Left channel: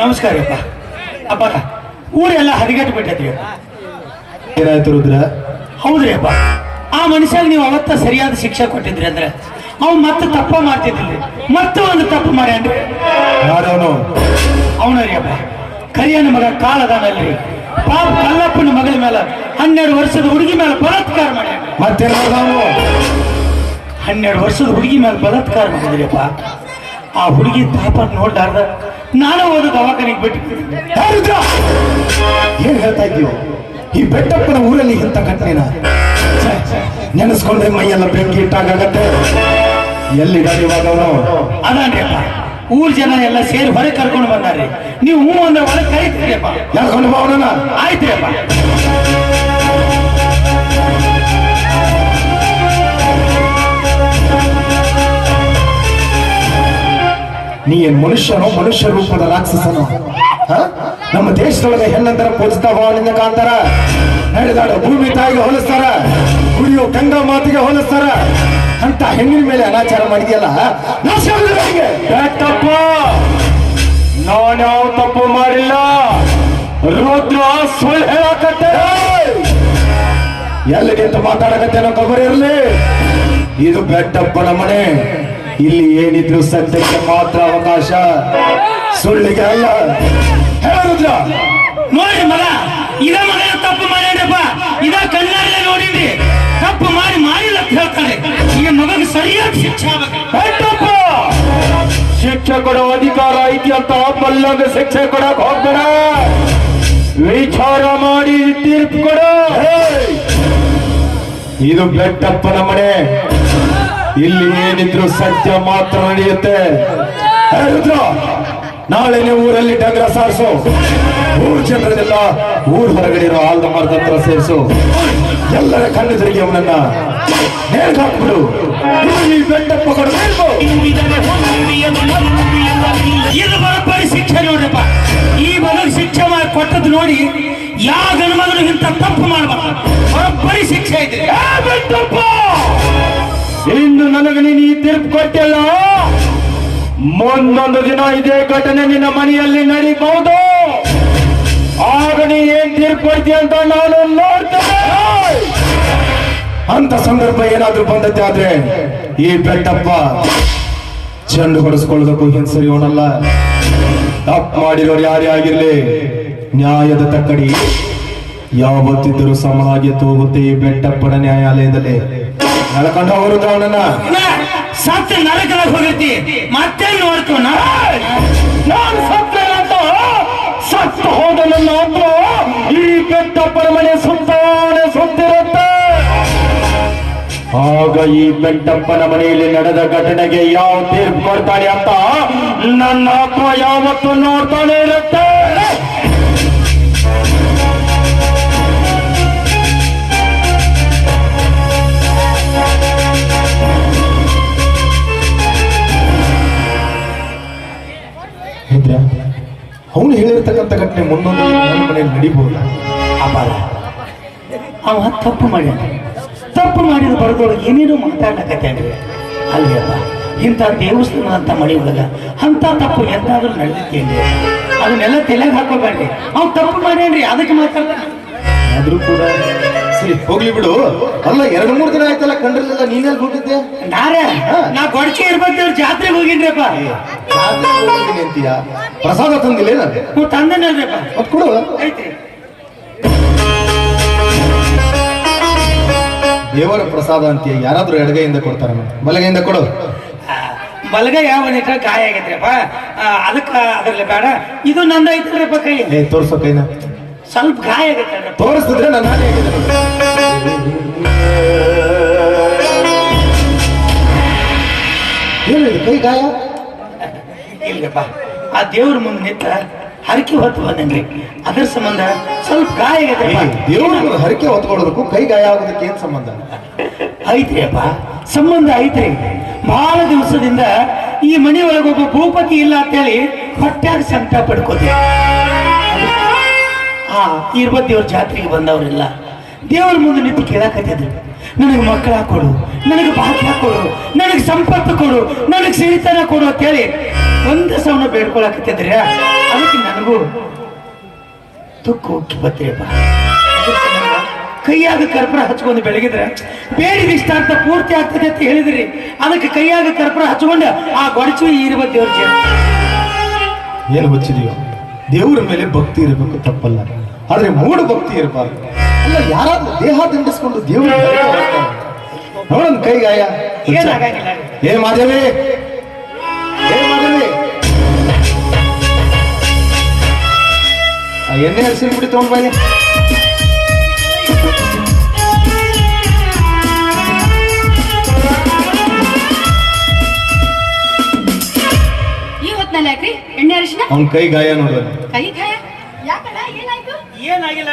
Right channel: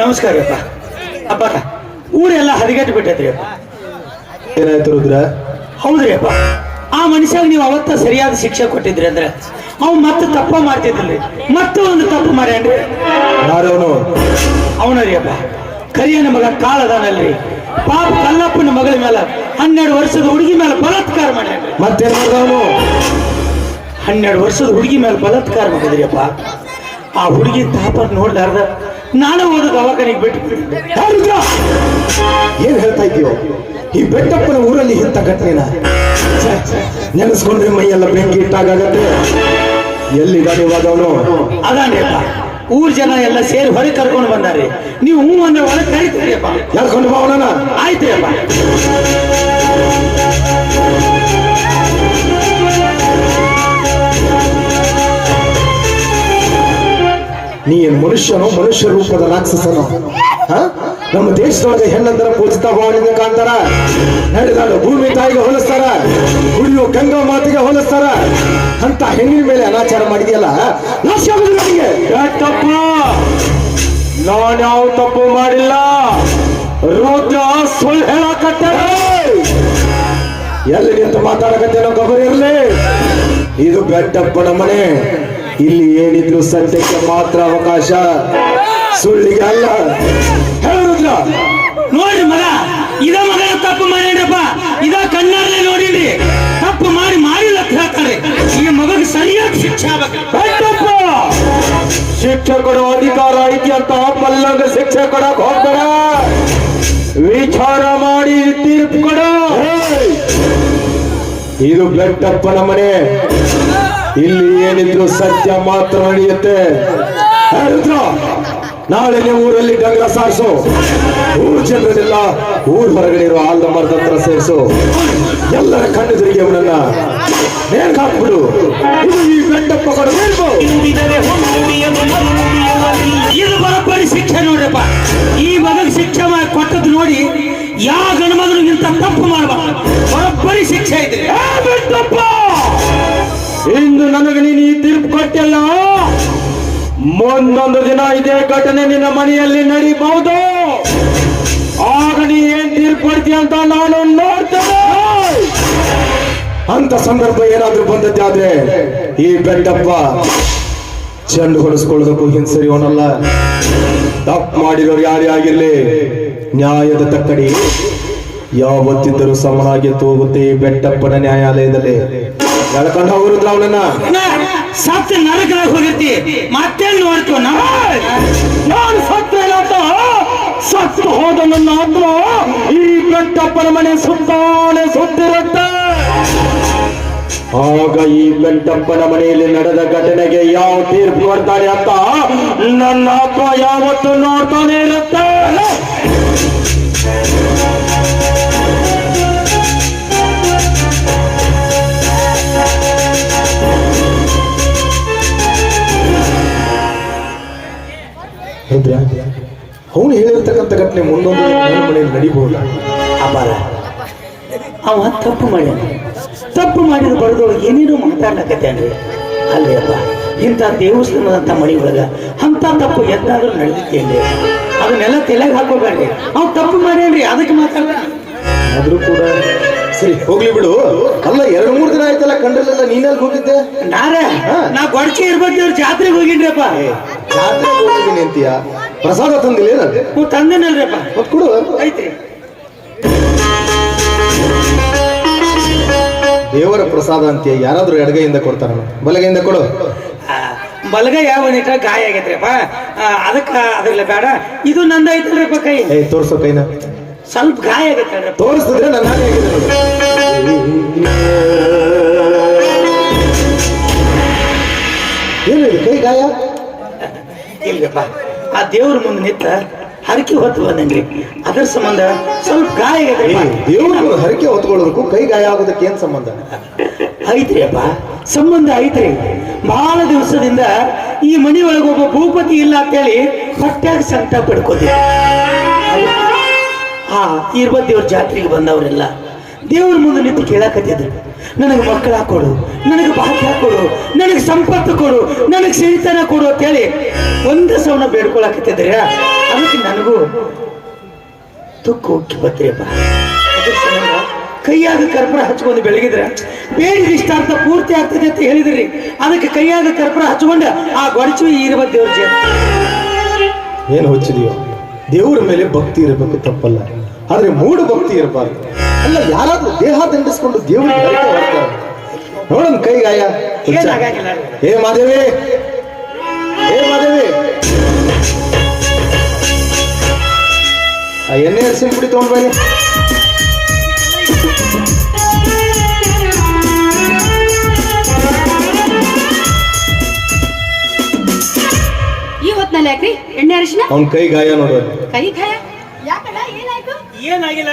ನಮಸ್ಕಾರ ಅಪ್ಪ. ಅಪ್ಪ ಊರೆಲ್ಲ ಹರಿಗಟ್ಟು ಬಿಟ್ಟೈತ್ರಿ ಅಪ್ಪ. ಏನಾಯ್ತು ರುದ್ರ? ಹೌದ್ರಿ ಅಪ್ಪ. ಆ ಮನುಷ್ಯಗೆ ನೀವು ಅವತ್ತ ಸರಿಯಾದ ಶಿಕ್ಷೆ ಕೊಟ್ಟಿದ್ರಿ ಅಂದ್ರೆ ಅವ್ನು ಮತ್ತೆ ತಪ್ಪ ಮಾಡ್ತಿದ್ದಿಲ್ಲ ಮತ್ತೆ ಒಂದು ತಪ್ಪು ಮಾಡ್ಯಾನ್ರಿ. ಯಾರವನು? ಅವನು ರೀ ಅಪ್ಪ. ಕರಿಯನ ಮಗ ಕಾಳದಾನಲ್ರಿ ಪಾಪ ಕಲ್ಲಪ್ಪನ ಮಗಳ ಮೇಲೆ ಹನ್ನೆರಡು ವರ್ಷದ ಹುಡುಗಿ ಮೇಲೆ ಬಲಾತ್ಕಾರ ಮಾಡ್ಯಾನ ಮತ್ತೆ ಹನ್ನೆರಡು ವರ್ಷದ ಹುಡುಗಿ ಮೇಲೆ ಬಲಾತ್ಕಾರ ಮಾಡಿದ್ರಿ ಅಪ್ಪ. ಆ ಹುಡುಗಿ ತಾಪ ನೋಡ್ಲಾರ್ದ ನಾನು ಒಂದು ದವಾಖಾನಿಗೆ ಬಿಟ್ಟು. ಏನ್ ಹೇಳ್ತಾ ಇದ್ದೀಯೋ? ಈ ಬೆಟ್ಟಪ್ಪನ ಊರಲ್ಲಿ ಇಂಥ ಘಟನೆನ? ನೆನೆಸ್ಕೊಂಡ್ರೆ ಮೈಯೆಲ್ಲ ಬೆಂಕಿ ಇಟ್ಟಾಗತ್ತೆ ಎಲ್ಲಿ ಇವಾಗವನು? ಊರ್ ಜನ ಎಲ್ಲ ಸೇರಿ ಹೊರಗೆ ಕರ್ಕೊಂಡು ಬಂದಾರೆ. ನೀವು ಹೂ ಅಂದ್ರೆ ಒಳಗೆ ಕರಿತೀರಿ ಕರ್ಕೊಂಡು ಬಾವನ ಆಯ್ತು ನೀ ಏನ್ ಮನುಷ್ಯನೋ ಮನುಷ್ಯ ರೂಪದ ರಾಕ್ಷಸನ? ನಮ್ಮ ದೇಶದೊಳಗೆ ಹೆಣ್ಣಂತರ ಪೂಜಿತ ಭಾವನೆಯಿಂದ ಕಾಣ್ತಾರ ನಡೆದಾಡ ಭೂಮಿ ತಾಯಿಗೆ ಹೋಲಿಸ್ತಾರ. ಕುಡಿಯೋ ಗಂಗಾ ಮಾತಿಗೆ ಹೋಲಿಸ್ತಾರ. ಅಂತ ಹೆಣ್ಣಿನ ಮೇಲೆ ಅನಾಚಾರ ಮಾಡಿದೆಯಲ್ಲ ತಪ್ಪು? ನಾನ್ಯಾವ ತಪ್ಪ ಮಾಡಿಲ್ಲ. ರುದ್ರ ಸುಳ್ಳು ಹೇಳಕತ್ತ. ಎಲ್ಲಿ ನಿಂತು ಮಾತಾಡಕತ್ತೇನೋ ಗೊಬ್ಬರ ಇರಲಿ. ಇದು ಬೆಟ್ಟಪ್ಪನ ಮನೆ. ಇಲ್ಲಿ ಏನಿದ್ರು ಸತ್ಯಕ್ಕೆ ಮಾತ್ರ ಅವಕಾಶ. ಸುಳ್ಳಿಗೆ ಅಲ್ಲ ನೋಡಿ ನೋಡ್ರಿ ಮಗ ಇದ ಮಗನ ತಪ್ಪು ಮಾಡಿಡಪ್ಪ ಇದ ಕಣ್ಣಾರೆ ನೋಡಿದ್ರಿ ತಪ್ಪು ಮಾಡಿ ಮಾಡಿಲ್ಲ ಅಂತ ಹೇಳ್ತಾರೆ. ಈ ಮಗಗೆ ಸರಿಯಾಗಿ ಶಿಕ್ಷೆ ಆಗ್ಬೇಕು. ಬೆಟ್ಟಪ್ಪ ಶಿಕ್ಷೆ ಕೊಡೋ ಅಧಿಕಾರ ಐತಿ ಅಂತ ಮಲ್ಲಂಗ ಶಿಕ್ಷೆ ಕೊಡಕ್ ಹೋಗ್ಬೇಡ. ವಿಚಾರ ಮಾಡಿ ತೀರ್ಪು ಕೊಡ. ಇದು ಬೆಟ್ಟಪ್ಪನ ಮನೆ. ಇಲ್ಲಿ ಏನಿದ್ರು ಸತ್ಯ ಮಾತ್ರ ನಡೆಯುತ್ತೆ. ನಾಳೆ ನೀವು ನಾಳೆನೆ ಊರಲ್ಲಿ ಡಂಗ್ರ ಸಾರಿಸು. ಊರು ಜನರನ್ನೆಲ್ಲ ಊರ್ ಹೊರಗಡೆ ಇರೋ ಆಲ್ದ ಮರದ ಹತ್ರ ಸೇರಿಸು. ಎಲ್ಲರ ಕಣ್ಣೆದುರಿಗೆ ಅವನನ್ನ ನೇರ್ಗ್ ಹಾಕ್ಬಿಡು. ಇದು ಈ ಇದು ಬರೋಬ್ಬರಿ ಶಿಕ್ಷೆ ನೋಡಪ್ಪ ಈ ಮಗನ ಶಿಕ್ಷೆ ಮಾಡಿ ಕೊಟ್ಟದ್ದು ನೋಡಿ ಯಾವ ಗಂಡು ಮಗನು ಇಂಥ ತಪ್ಪು ಮಾಡಬಾರ್ದು. ಬರೋಬ್ಬರಿ ಶಿಕ್ಷೆ ಬೆಟ್ಟಪ್ಪ ಇಂದು ನನಗೆ ನೀನು ಈ ತೀರ್ಪು ಕೊಟ್ಟಲ್ಲ. ಮುಂದೊಂದು ದಿನ ಇದೇ ಘಟನೆ ನಿನ್ನ ಮನೆಯಲ್ಲಿ ನಡೀಬಹುದು. ಆಗ ನೀ ಏನ್ ತೀರ್ಪು ಕೊಡ್ತೀಯ ಅಂತ ನಾನು ನೋಡ್ತೇನೆ. ಅಂತ ಸಂದರ್ಭ ಏನಾದ್ರೂ ಬಂದದ್ದೆ ಆದ್ರೆ ಈ ಬೆಟ್ಟಪ್ಪ ಚೆಂಡು ಹೊಡೆಸ್ಕೊಳ್ಳೋದಕ್ಕೂ ಹಿಂಸರಿಯೋನಲ್ಲ ತಪ್ಪು ಮಾಡಿರೋರು ಯಾರೇ ಆಗಿರ್ಲಿ, ನ್ಯಾಯದ ತಕ್ಕಡಿ ಯಾವತ್ತಿದ್ದರೂ ಸಮನಾಗಿ ತೂಗುತ್ತೆ ಈ ಬೆಟ್ಟಪ್ಪನ ನ್ಯಾಯಾಲಯದಲ್ಲಿ. ಎಳ್ಕೊಂಡು ಹೋಗ್ರಂದ್ರ ಅವನನ್ನ. ಸತ್ಯ ನರಕದಾಗ ಹೋಗಿರ್ತಿ. ಮತ್ತೆ ನೋಡ್ತೀವ ನಾನು ಸತ್ರ ಸತ್ತು ಹೋದ ನನ್ನ ಈ ಬೆಟ್ಟಪ್ಪನ ಮನೆ ಸುತ್ತಾನೆ ಸುತ್ತಿರುತ್ತೆ. ಆಗ ಈ ಬೆಟ್ಟಪ್ಪನ ಮನೆಯಲ್ಲಿ ನಡೆದ ಘಟನೆಗೆ ಯಾವ ತೀರ್ಪು ಮಾಡ್ತಾನೆ ಅಂತ ನನ್ನ ಆತ್ಮ ಯಾವತ್ತು ನೋಡ್ತಾನೆ ಇರುತ್ತೆ. ರುದ್ರ ಅವನು ಹೇಳಿರ್ತಕ್ಕಂಥ ಘಟನೆ ಮುಂದೊಂದು ಮನೆಯಲ್ಲಿ ನಡಿಬಹುದು? ಅಪಾರ ಅವ ತಪ್ಪು ಮಾಡ್ಯಾನ ತಪ್ಪು ಮಾಡಿದ ಬರದೊಳಗೆ ಏನೇನೋ ಅಂದ್ರೆ. ಅಲ್ಲೇ ಅಪ್ಪ, ಇಂಥ ದೇವಸ್ಥಾನದಂಥ ಮನೆ ಒಳಗ ಅಂತ ತಪ್ಪು ಎಂತಾದ್ರೂ ನಡೆದಿದ್ದೇನೆ ಅದನ್ನೆಲ್ಲ ತಲೆಗೆ ಹಾಕೋಬೇಡ್ರಿ. ಅವ್ನು ತಪ್ಪು ಮಾಡ್ಯಾನ್ರಿ, ಅದಕ್ಕೆ ಮಾತಾಡ ಆದ್ರೂ ಕೂಡ ಸರಿ ಹೋಗ್ಲಿ ಬಿಡು. ಅಲ್ಲ ಎರಡು ಮೂರ್ ದಿನ ಆಯ್ತಲ್ಲ ಕಂಡ್ರಲ್ಲ ನೀನಲ್ಲಿ ಹೋಗಿದ್ದೆ? ನಾರೇ ನಾ ಗೊಡಚಿ ಇರ್ಬೇಕು ಜಾತ್ರೆಗೆ ಹೋಗಿನ್ರಿಪ್ಪ ಜಾತ್ರೆ ಹೋಗಿದ್ದೀನಿ ಅಂತೀಯ? ಪ್ರಸಾದ ತಂದಿಲ್ಲ ನೀವು ತಂದನಲ್ರಿಪ್ಪ ಮತ್ ಕೊಡು. ಐತೆ ದೇವರ ಪ್ರಸಾದ ಅಂತೀಯ? ಯಾರಾದ್ರೂ ಎಡಗೈಯಿಂದ ಕೊಡ್ತಾರ ಬಲಗೈಯಿಂದ ಕೊಡು. ಬಲಗೈ ಯಾವ ಗಾಯ ಆಗೈತ್ರಿಪ್ಪ. ಅದಕ್ಕ ಅದ್ರಲ್ಲಿ ಬೇಡ. ಇದು ನಂದ ಐತಲ್ರಿಪ್ಪ ಕೈ ತೋರ್ಸೋ ಕೈನ. ಸ್ವಲ್ಪ ಗಾಯ ಆಗುತ್ತೆ ತೋರಿಸಿದ್ರೆ ನನ್ನ ಹಾಗೆ ಏನು ಇದು ಕೈ ಗಾಯ? ಇಲ್ಲಪ್ಪ ಆ ದೇವ್ರ ಮುಂದೆ ನಿಂತ ಹರಕೆ ಹೊತ್ತು ಬಂದಂಗ್ರಿ ಅದರ ಸಂಬಂಧ ಸ್ವಲ್ಪ ಗಾಯ ದೇವ್ರ ಹರಕೆ ಹೊತ್ಕೊಳ್ಳೋದಕ್ಕೂ ಕೈ ಗಾಯ ಆಗೋದಕ್ಕೆ ಏನ್ ಸಂಬಂಧ? ಐತ್ರಿ ಅಪ್ಪ ಸಂಬಂಧ ಐತ್ರಿ. ಬಹಳ ದಿವಸದಿಂದ ಈ ಮನೆ ಒಳಗೆ ಒಬ್ಬ ಭೂಪತಿ ಇಲ್ಲ ಅಂತೇಳಿ ಹೊಟ್ಟೆಗೆ ಸಂಕಟ ಪಡ್ಕೋತೀವಿ ಇರ್ಬ ದೇವ್ರ ಜಾತ್ರೆಗೆ ಬಂದವರೆಲ್ಲ ದೇವ್ರ ಮುಂದೆ ನಿಂತು ಕೇಳಕತ್ತಿದ್ರು. ನನಗೆ ಮಕ್ಕಳ ಕೊಡು, ನನಗೆ ಭಾಗ್ಯ ಕೊಡು, ನನಗೆ ಸಂಪತ್ತು ಕೊಡು, ನನಗೆ ಸಿರಿತನ ಕೊಡು ಅಂತೇಳಿ ಒಂದು ಸವನ ಬೇಡ್ಕೊಳಕತ್ತಿದ್ರ ಅದಕ್ಕೆ ನನಗೂ ತುಕ್ಕು ಉಕ್ಕಿ ಬತ್ತೆಯಪ್ಪ ಕೈಯಾಗ ಕರ್ಪೂರ ಹಚ್ಕೊಂಡು ಬೆಳಗಿದ್ರೆ ಬೇಡಿದ ಇಷ್ಟಾರ್ಥ ಪೂರ್ತಿ ಆಗ್ತದೆ ಅಂತ ಹೇಳಿದ್ರಿ. ಅದಕ್ಕೆ ಕೈಯಾಗ ಕರ್ಪೂರ ಹಚ್ಕೊಂಡು ಆ ಗೊಡಚು ಇರುವ ದೇವ್ರ ಏನು ಹೊಚ್ಚಿದೀವ ದೇವರ ಮೇಲೆ ಭಕ್ತಿ ಇರಬೇಕು ತಪ್ಪಲ್ಲ. ಆದ್ರೆ ಮೂಢ ಭಕ್ತಿ ಇರಬಾರ್ದು. ಅಲ್ಲ ಯಾರಾದ್ರೂ ದೇಹ ದಂಡಿಸ್ಕೊಂಡು ದೇವರು ನೋಡನ್ ಕೈ ಗಾಯ. ಹುಚ್ಚ. ಏನಾಗಂಗಿಲ್ಲ. ಏ ಮಾದೇವಿ ಏ ಮಾದೇವಿ ಎಣ್ಣೆ ಹಸಿ ಬಿಡಿ ತಗೊಂಡ್ ಬನ್ನಿ. ಯಾಕ್ರಿ? ಎಣ್ಣೆ ಅರಿಶಿನ? ಅವ್ನ ಕೈ ಗಾಯ ನೋಡೋದು. ಕೈ ಗಾಯ? ಯಾಕಲ್ಲ? ಏನಾಯ್ತು? ಏನಾಗಿಲ್ಲ.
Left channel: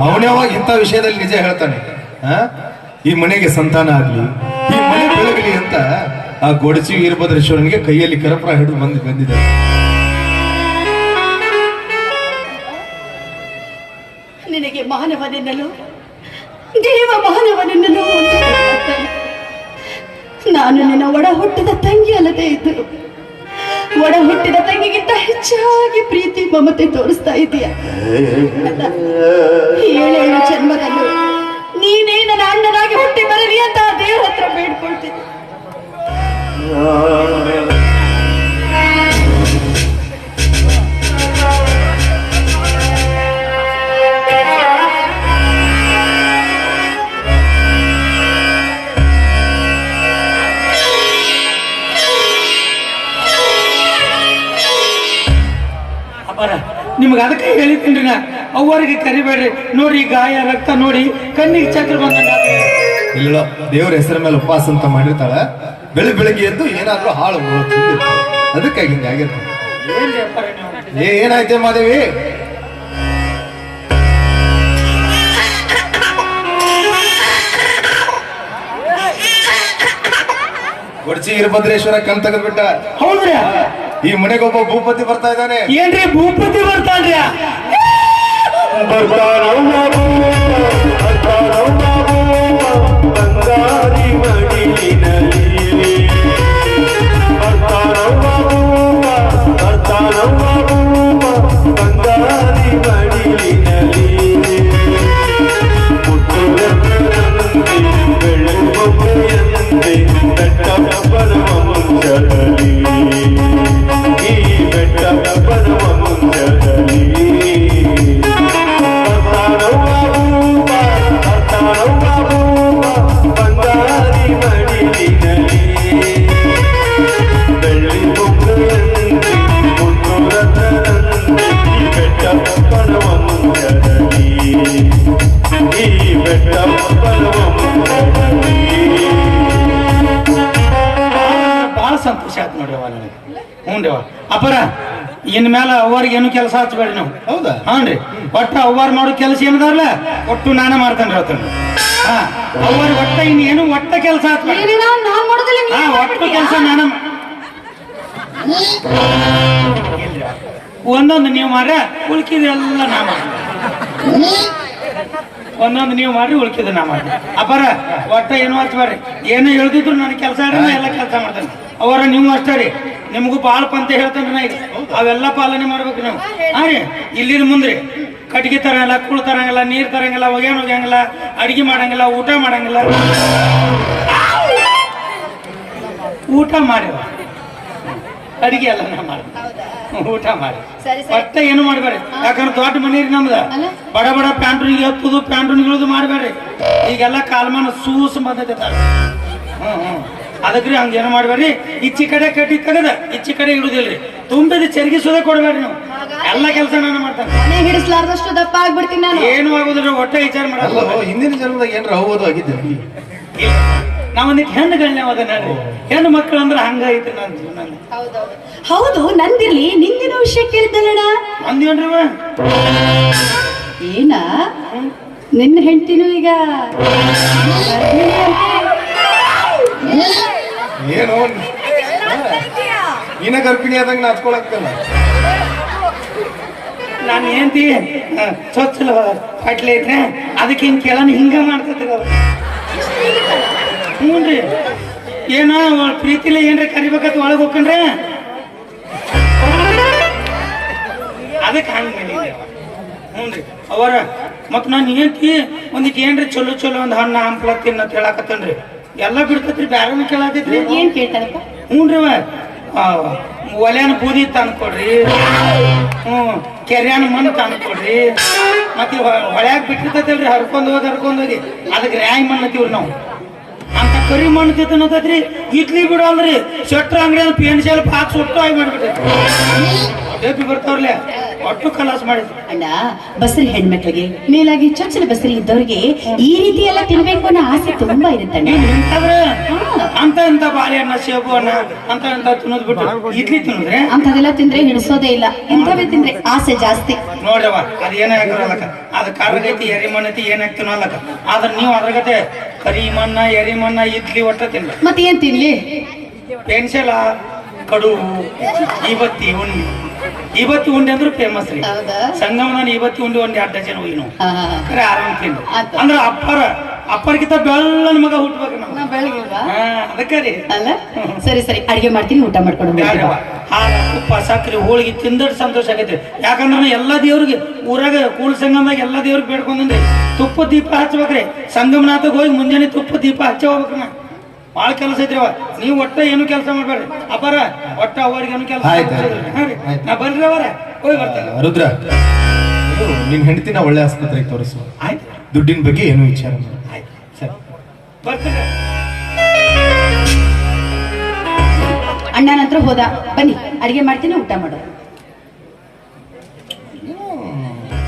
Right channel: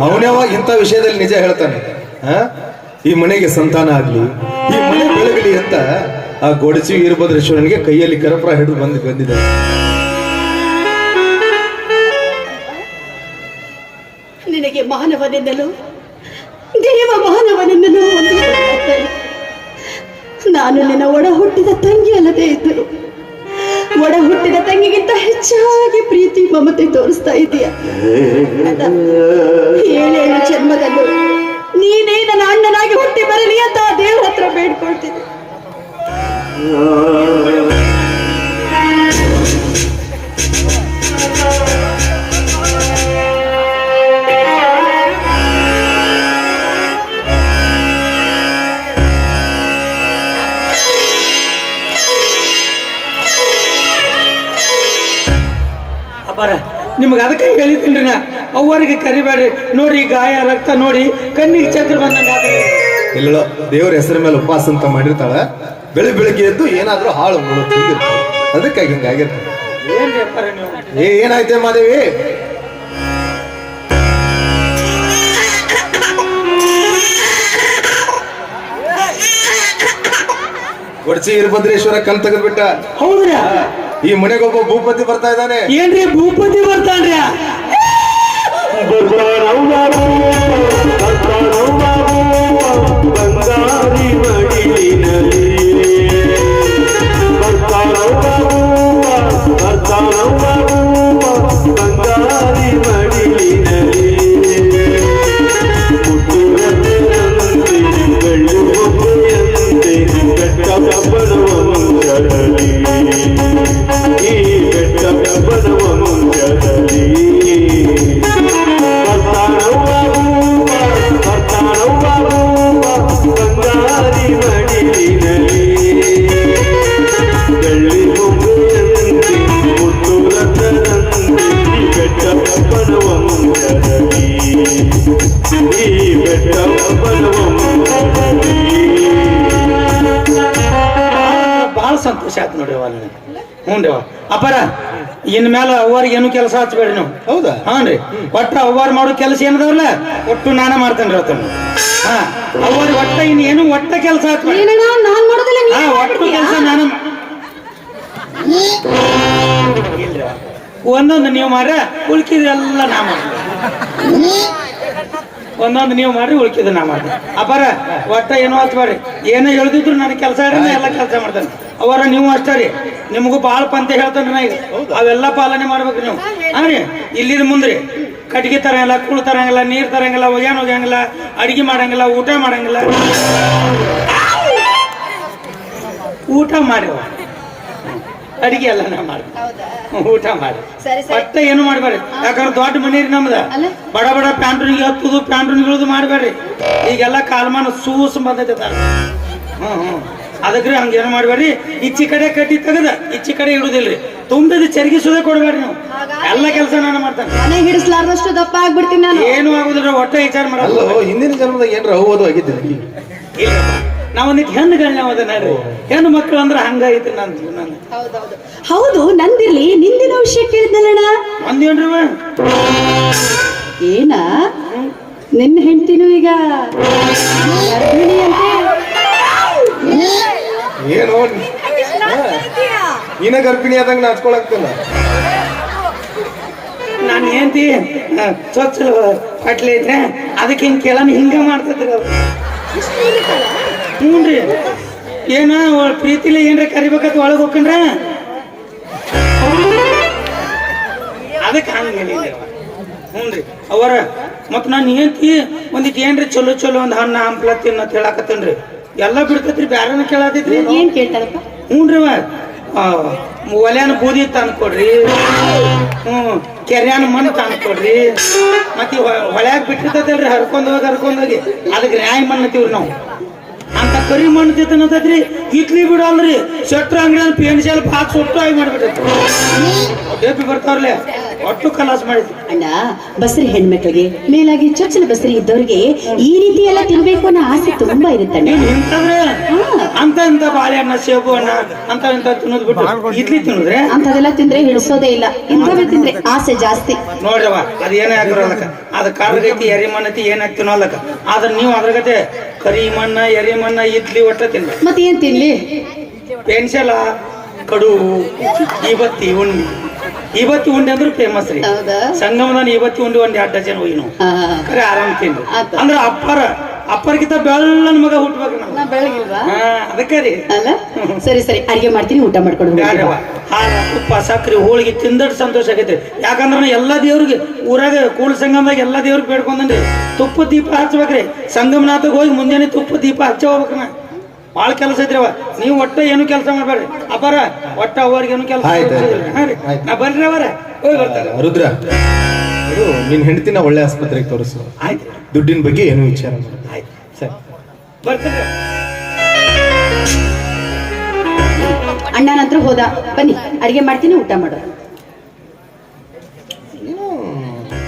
ಅವನೇವಾಗ ಇಂಥ ವಿಷಯದಲ್ಲಿ ನಿಜ ಹೇಳ್ತಾನೆ. ಆ? ಈ ಮನೆಗೆ ಸಂತಾನ ಆಗ್ಲಿ ಈ ಮನೆ ಬೆಳಗಲಿ ಅಂತ ಆ ಗೊಡಚಿ ವೀರಭದ್ರೇಶ್ವರನಿಗೆ ಕೈಯಲ್ಲಿ ಕರಪುರ ಹಿಡಿದು ಬಂದು ಬಂದಿದೆ. ಮಾನವನೆನ್ನಲು, ದೇವ ಮಾನವನೆನ್ನಲು. ನಾನು ನಿನ್ನ ಒಡ ಹುಟ್ಟಿದ ತಂಗಿ ಅಲ್ಲದೆ ಇದ್ದರು ಒಡ ಹುಟ್ಟಿದ ತಂಗಿಗಿಂತ ಹೆಚ್ಚಾಗಿ ಪ್ರೀತಿ, ಮಮತೆ ತೋರಿಸ್ತಾ ಇದೀಯ ಏಳೇಳು ಜನ್ಮದಲ್ಲೂ ನೀನೇ ನನ್ನ ಅಣ್ಣನಾಗಿ ಹುಟ್ಟಿ ಬರಲಿ ಅಂತ ದೇವ್ರ ಹತ್ರ ಬೇಡ್ಕೊಳ್ತೀನಿ ನಿಮ್ಗೆ ಅದಕ್ಕೆ ಹೇಳಿದ್ದೀನಿ ನಾ. ಅವರಿಗೆ ಕರಿಬೇಡಿ. ನೋಡಿ ಗಾಯ ರಕ್ತ ನೋಡಿ ಕಣ್ಣಿಗೆ ಚಕ್ರ ಬಂದಂಗ ಇಲ್ಲ ದೇವರ ಹೆಸರ ಮೇಲೆ ಉಪವಾಸ ಅಂತ ಮಾಡಿರ್ತಾಳ. ಬೆಳಿ ಬೆಳಿಗ್ಗೆ ಎದ್ದು ಏನಾದ್ರೂ ಹಾಳು ಮುಳು ತಿಂದಿರ್ತಾಳೆ. ಅದಕ್ಕಾಗಿ ಏ ಏನಾಯ್ತೆ ಮಾದೇವಿ? ಕೊಡ್ಸಿ ವೀರಭದ್ರೇಶ್ವರ ಕಲ್ ತೆಗೆದ್ಬಿಟ್ಟ. ಹೌದ್ರಿ? ಈ ಮನೆಗೊಬ್ಬ ಭೂಪತಿ ಬರ್ತಾ ಇದ್ದಾನೆ. ಏನ್ರಿ ಭೂಪತಿ ಬರ್ತಾನ್ರಿ ಬಹಳ ಸಂತೋಷ ಆಯ್ತು ನೋಡಿ ಹ್ಞೂ ರೀ ಅಪ್ಪರ ಇನ್ ಮೇಲೆ ಅವ್ರಿಗೆ ಏನು ಕೆಲಸ ಹಚ್ಬೇಡಿ ನೀವು. ಹೌದಾ? ಹಾಂ ರೀ ಒಟ್ಟು ಅವ್ವಾರು ಮಾಡೋ ಕೆಲಸ ಏನದಾವಲ್ಲ ಒಟ್ಟು ನಾನ ಮಾಡ್ತೇನೆ ರೀ ಅವತ್ತನ್ನ ಹಾಂ ಅವ್ವಾರು ಒಟ್ಟ ಇನ್ ಏನು ಒಟ್ಟ ಕೆಲಸ ಹಚ್ಬೇಡಿ ನಾನ್ ಹಾ ನೀನ್ ಒಟ್ಟು ಕೆಲಸ ನಾನು ಒಂದೊಂದು ನೀವು ಮಾಡ್ರ ಉಳ್ಕಿದೆಲ್ಲ ನಾ ಮಾಡಿ ಒಂದೊಂದು ನೀವು ಮಾಡ್ರಿ ಉಳ್ಕಿದ ನಾ ಮಾಡಿ ಅಪಾರ ಒಟ್ಟ ಏನು ಹಚ್ಬೇಡ್ರಿ. ಏನೋ ಹೇಳ್ದಿದ್ರು ನನ್ನ ಕೆಲಸ ಎಲ್ಲ ಕೆಲಸ ಮಾಡ್ತಾನೆ. ಅವರ ನೀವು ಅಷ್ಟೇ ರೀ. ನಿಮಗೂ ಬಾಳ ಪಂತ ಹೇಳ್ತೇನೆ ನಾ ಈಗ ಅವೆಲ್ಲ ಪಾಲನೆ ಮಾಡ್ಬೇಕು ನೀವು. ಹಾ ರೀ. ಇಲ್ಲಿನ ಮುಂದ್ರಿ. ಕಟ್ಗೆ ತರಂಗಿಲ್ಲ ಕೂಳು ತರಂಗಿಲ್ಲ ನೀರ್ ತರಂಗಿಲ್ಲ ಒಗ್ಯಾನ್ ಒಗ್ಯಂಗಿಲ್ಲ ಅಡಿಗೆ ಮಾಡಂಗಿಲ್ಲ ಊಟ ಮಾಡಂಗಿಲ್ಲ. ಊಟ ಮಾಡಿ ಅಡಿಗೆ ಎಲ್ಲ ನಾ ಮಾಡಿ ಊಟ ಮಾಡಿ ಮತ್ತೆ ಏನು ಮಾಡಬೇಡಿ ಯಾಕಂದ್ರೆ ದೊಡ್ಡ ಮನಿ ರೀ ನಮ್ದ? ಬಡ ಬಡ ಪ್ಯಾಂಟ್ರಿಗೆ ಹತ್ತುದು ಪ್ಯಾಂಟ್ರಿಗಳದು ಮಾಡಬೇಡ್ರಿ. ಈಗೆಲ್ಲ ಕಾಲ್ಮಾನ ಸೂಸ್ ಬಂದೈತೆ ಹ್ಮ್ ಹ್ಮ್. ಅದಕ್ರಿ ಹಂಗೇನು ಮಾಡಬೇಡ್ರಿ? ಇಚ್ಚಿ ಕಡೆ ಕಟ್ಟಿ ತೆಗದ ಇಚ್ಚಿ ಕಡೆ ಇಡುದಿಲ್ರಿ. ತುಂಬಿದ ಚರ್ಗಿಸೋದೇ ಕೊಡಬೇಡ್ರಿ ನಾವು. ಎಲ್ಲ ಕೆಲಸ ನಾನು ಮಾಡ್ತೇನೆ. ಹಿಡಿಸ್ಲಾರ್ದಷ್ಟು ದಪ್ಪ ಆಗ್ಬಿಡ್ತೀನಿ ನಾನು. ಏನು ಆಗುದಿಲ್ಲ ಒಟ್ಟೆ ವಿಚಾರ ಮಾಡಲ್ಲ ಹಿಂದಿನ ಜನ್ಮದಾಗ ಏನ್ರ ಹೋಗೋದು ಆಗಿದ್ದೆ ಇಲ್ಲ. ನಾವು ನಿಕ್ ಹೆಣ್ಣು ಗಣ್ಯ ಅದ ನೋಡ್ರಿ. ಹೆಣ್ಣು ಮಕ್ಕಳು ಅಂದ್ರೆ ಹಂಗಾಯ್ತು ನನ್ನ ಜೀವನ ಹೌದು ನಂದಿರ್ಲಿ ನಿಂದಿನ ವಿಷಯ ಕೇಳಿದ್ದಲ್ಲಣ್ಣ ಅಂದೇನ್ರಿ? ಏನ? ನಿನ್ನ ಹೆಂಡ್ತಿನೂ ಈಗ ಅಂತೆ? ಏನು? ನೀನ ಗರ್ಭಿಣಿ ಆದಂಗ ನಾಚ್ಕೊಳಕ್ಕಲ್ಲ. ನಾನು ಏಂತಿ ಸ್ವಚ್ಛ ಕಟ್ಲೆ ಐತ್ರೆ ಅದಕ್ಕೆ ಹಿಂಗೆ ಕೇಳೋಣ ಹಿಂಗೆ ಮಾಡ್ತಿದ್ರು. ಹ್ಞೂ ರೀ ಏನ ಪ್ರೀತಿ ಪ್ರೀತಿಲಿ ಏನ್ರ ಕರಿಬೇಕಂತ ಒಳಗೆ ಹೋಗ್ಕೊಂಡ್ರೆ? ಅದಕ್ಕೆ ಹಂಗೆ ಹ್ಞೂ ರೀ ಅವರ ಮತ್ತು ನಾನು ಏನ್ತಿ ಒಂದಿಕ್ಕೆ ಏನ್ರಿ ಚಲೋ ಚಲೋ ಒಂದು ಹಣ್ಣು ಹಂಪ್ಲ ತಿನ್ನತ್ ಹೇಳಾಕತ್ತೇನ್ರಿ. ಎಲ್ಲ ಬಿಡ್ತೈತ್ರಿ ಬ್ಯಾರನ ಕೇಳಾತೈತ್ರಿ ಏನ್ ಕೇಳ್ತಾರಪ್ಪ? ಹ್ಞೂನ್ರಿ ಒಲೆನ ಬೂದಿ ತಂದ್ಕೊಡ್ರಿ ಹ್ಞೂ ಕೆರ್ಯಾನ ಮಣ್ಣು ತಂದ್ಕೊಡ್ರಿ ಮತ್ತೆ ಹೊಳ್ಯಾಗ ಬಿಟ್ಟಿರ್ತೈತಲ್ರಿ ಹರ್ಕೊಂಡು ಹೋಗಿ ಹರ್ಕೊಂಡು ಹೋಗಿ. ಅದಕ್ಕೆ ನ್ಯಾಯ ಮಣ್ಣು ಅಂತೀವ್ರಿ ನಾವು. ಅಂತ ಕರಿ ಮಣ್ಣು ತಿನ್ನತೈತ್ರಿ. ಇಟ್ಲಿ ಬಿಡೋಲ್ರಿ ಶೆಟ್ರ್ ಅಂಗಡಿಯಲ್ಲಿ ಪೆನ್ಸಿಲ್ ಬಾಕ್ಸ್ ಸುಟ್ಟು ಆಗಿ ಬರ್ತಾವ್ರಲ್ಲೇ ಬರ್ತಾವ್ರಲ್ಲ. ಒಟ್ಟು ಕಲಾಸ್ ಮಾಡಿದ್ರು. ಅಣ್ಣ ಬಸರಿ ಹೆಣ್ಮಕ್ಳಿಗೆ ಮೇಲಾಗಿ ಚೊಚ್ಚಲ ಬಸರಿ ಇದ್ದವ್ರಿಗೆ ಈ ರೀತಿ ಎಲ್ಲ ತಿನ್ಬೇಕು ಅನ್ನೋ ಆಸೆ ತುಂಬಾ ಇರುತ್ತಣ್ಣ. ನೀನ್ ಇಂತಂದ್ರೆ ಅಂತ ಇಂತ ಬಾಳೆಹಣ್ಣ ಸೇಬು ಅಣ್ಣ ಅಂತ ಇಂತ ತಿನ್ನೋದ್ ಬಿಟ್ಟು ಇಡ್ಲಿ ತಿನ್ನೋದ್ರೆ? ಅಂತದೆಲ್ಲ ತಿಂದ್ರೆ ಹಿಡಿಸೋದೇ ಇಲ್ಲ. ಇಂಥವೇ ತಿಂದ್ರೆ ಆಸೆ ಜಾಸ್ತಿ. ನೋಡ್ರವ ಅದ ಏನಾಗಿರೋಲ್ಲಕ ಅದ ಕಾರ್ಗೈತಿ ಎರಿ ಮಣ್ಣೈತಿ ಏನಾಗ್ತೀನೋ ಅಲ್ಲಕ ಆದ್ರ ನೀವು ಅದ್ರಗತೆ ಕರಿ ಮಣ್ಣ ಎರಿ ಮಣ್ಣ ಇಡ್ಲಿ ಒಟ್ಟ ತಿನ್ರಿ. ಮತ್ತೆ ಏನ್ ತಿನ್ಲಿ? ಪೆನ್ಸಿಲ ಕಡು ಇವತ್ತಿ ಉಂಡಿ ಇವತ್ತಿ ಉಂಡಿ ಅಂದ್ರೆ ಫೇಮಸ್ ರೀ. ಹೌದಾ? ಸಂಗಮದಲ್ಲಿ ಇವತ್ತು ಉಂಡಿ ಒಂದ್ ಎರಡು ಡಜನ್ ಹೋಗಿ ನಾವು ಖರೆ ಆರಾಮ್ ತಿನ್ರಿ ಅಂದ್ರೆ ಅಪ್ಪರ ಅಪ್ಪರ್ಗಿಂತ ಬೆಳ್ಳನ ಮಗ ಹುಟ್ಟಬೇಕು ನಾವು ಅದಕ್ಕೆ ರೀ. ಸರಿ ಸರಿ. ಅಡಿಗೆ ಮಾಡ್ತೀನಿ ಊಟ ಮಾಡ್ಕೊಂಡು. ಹಾಲ ತುಪ್ಪ ಸಕ್ಕರೆ ಹೋಳಿಗೆ ತಿಂದ ಸಂತೋಷ ಆಗೈತೆ. ಯಾಕಂದ್ರೆ ಎಲ್ಲ ದೇವ್ರಿಗೆ ಊರಾಗ ಕೂಳ ಸಂಗಮದಾಗ ಎಲ್ಲಾ ದೇವ್ರಿಗೆ ಬೇಡ್ಕೊಂಡ್ರಿ ತುಪ್ಪ ದೀಪ ಹಚ್ಬೇಕ್ರಿ. ಸಂಗಮನಾಥಗ್ ಹೋಗಿ ಮುಂಜಾನೆ ತುಪ್ಪ ದೀಪ ಹಚ್ಚ ಹೋಗ್ಬೇಕ್ರಿ ಭಾಳ ಕೆಲಸ ಐತ್ರಿವ ನೀವು ಒಟ್ಟ ಏನು ಕೆಲಸ ಮಾಡ್ಬೇಡ್ರಿ. ಅಪಾರ ಒಟ್ಟ ಅವ್ರಿಗೆ ಏನು ಕೆಲಸ ಆಯ್ತ್ ಆಯ್ತ್. ನಾ ಬರ್ರಿ ಅವರ. ಹೋಗಿ ಬರ್ತಾರೆ. ರುದ್ರ. ಇದು ನಿನ್ ಹೆಂಡತಿನ ಒಳ್ಳೆ ಆಸ್ಪತ್ರೆಗೆ ತೋರಿಸು. ಆಯ್ತು. ದುಡ್ಡಿನ ಬಗ್ಗೆ ಏನು ವಿಚಾರ ಮಾಡು. ಆಯ್ತು. ಸರಿ. ಬರ್ತಾರೆ? ಅಣ್ಣನ ಹತ್ರ ಹೋದ. ಬನ್ನಿ ಅಡಿಗೆ ಮಾಡ್ತೀನಿ ಊಟ ಮಾಡು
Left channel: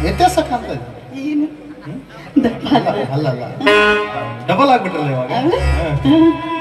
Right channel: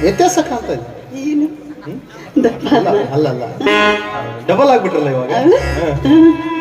ವ್ಯತ್ಯಾಸ ಕಾಣ್ತಾ ಇದೆ ದಪ್ಪ ಅಲ್ಲ. ಅಲ್ಲ ಅಲ್ಲ. ಡಬಲ್ ಆಗ್ಬಿಟ್ರಲ್ಲ ಇವಾಗ. ಹ.